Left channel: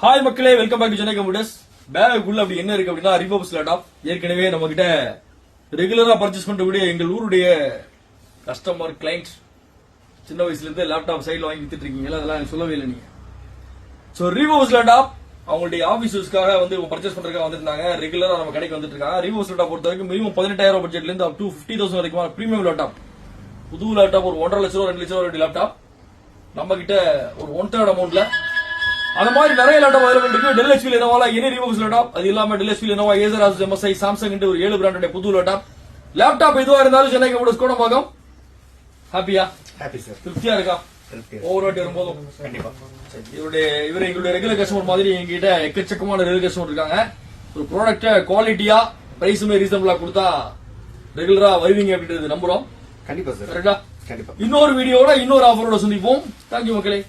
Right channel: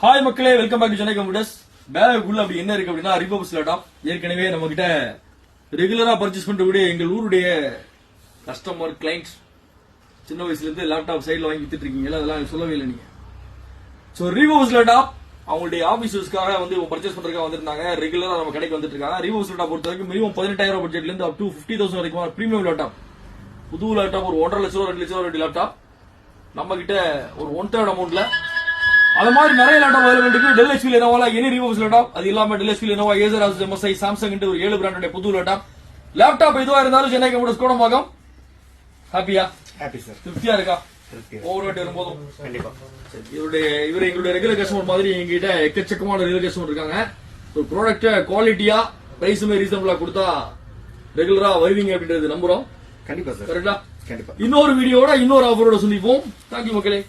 Hi மக்களே, welcome back to Chennai computers. பேக்குள்ள அப்படி என்ன இருக்கு அப்படின்னா ரிபப்ஸ் லேப்டாப். ஏற்கனவே நம்ம கிட்ட ரெகுலரா பர்ச்சேஸ் பண்ணக்கூடிய எங்கள் ஊருடைய கஸ்டமர் கிளைண்ட்ஸ் சின்ன வயசுல இருந்து லேப்டாப் சைடுல வாங்கி வித்துட்டு இருக்கீங்களா, அதெல்லாம் எனக்கு சொல்லவே இல்லை நீங்க. சோ ரிபப்ஸ் லேப்டாப் அவங்களுடைய ஆபீஸஸ்க்காக வந்து பர்ச்சேஸ் பண்றதுக்காக வந்திருந்தாங்க. ரெகுலரா நம்ம கடைக்கு வந்துட்டு இருக்காங்க. ரிபப்ஸ் லேப்டாப் பொறுத்த வரைக்கும் மினிமம் 18,000 பட்ஜெட்ல இருந்து அப் டு 50,000 வரைக்கும் பிரீமியம் லேப்டாப், புது லேப்டாப் ஒரு 1.5 லட்சம் 2 லட்சம் லேப்டாப் நம்ம கிட்ட ஒரு 1/3 அமௌண்ட்ல அந்த மாதிரி நிறைய லேப்டாப் அவைலபிள் இருக்கு. Dell HP Lenovo any refurbs laptop, அது இல்லாம Dell HP Lenovo Acer Asus MSI Samsung ஒரு 7 பிராண்டோட புது லேப்டாப் எதுவா இருந்தாலும் சென்னை கம்ப்யூட்டர்ஸ் கூட பார்க்கும். ஹாப்பியா? Happy sir. திருப்தியா இருக்கா? ஓவர் வரும்போதும் கண்டிப்பா. இவர் எங்களுடைய ரெகுலர் கஸ்டமர் மாதிரி எங்ககிட்ட எக்கச்சக்கமான ரெகுலர் கஸ்டமர் இருக்காங்க. ப்ராடக்ட் குவாலிட்டியா பிரைஸுமே ரீசனபிளா கொடுத்தா ரெகுலரா வருவீங்க அப்படின்றது நம்புறோம். கண்டிப்பா சார். சரிங்களா? கண்டிப்பா. இன்னொரு வீடியோட இன்னொரு ஆஃபரோட சந்திப்போம். தேங்க்யூ மக்களே.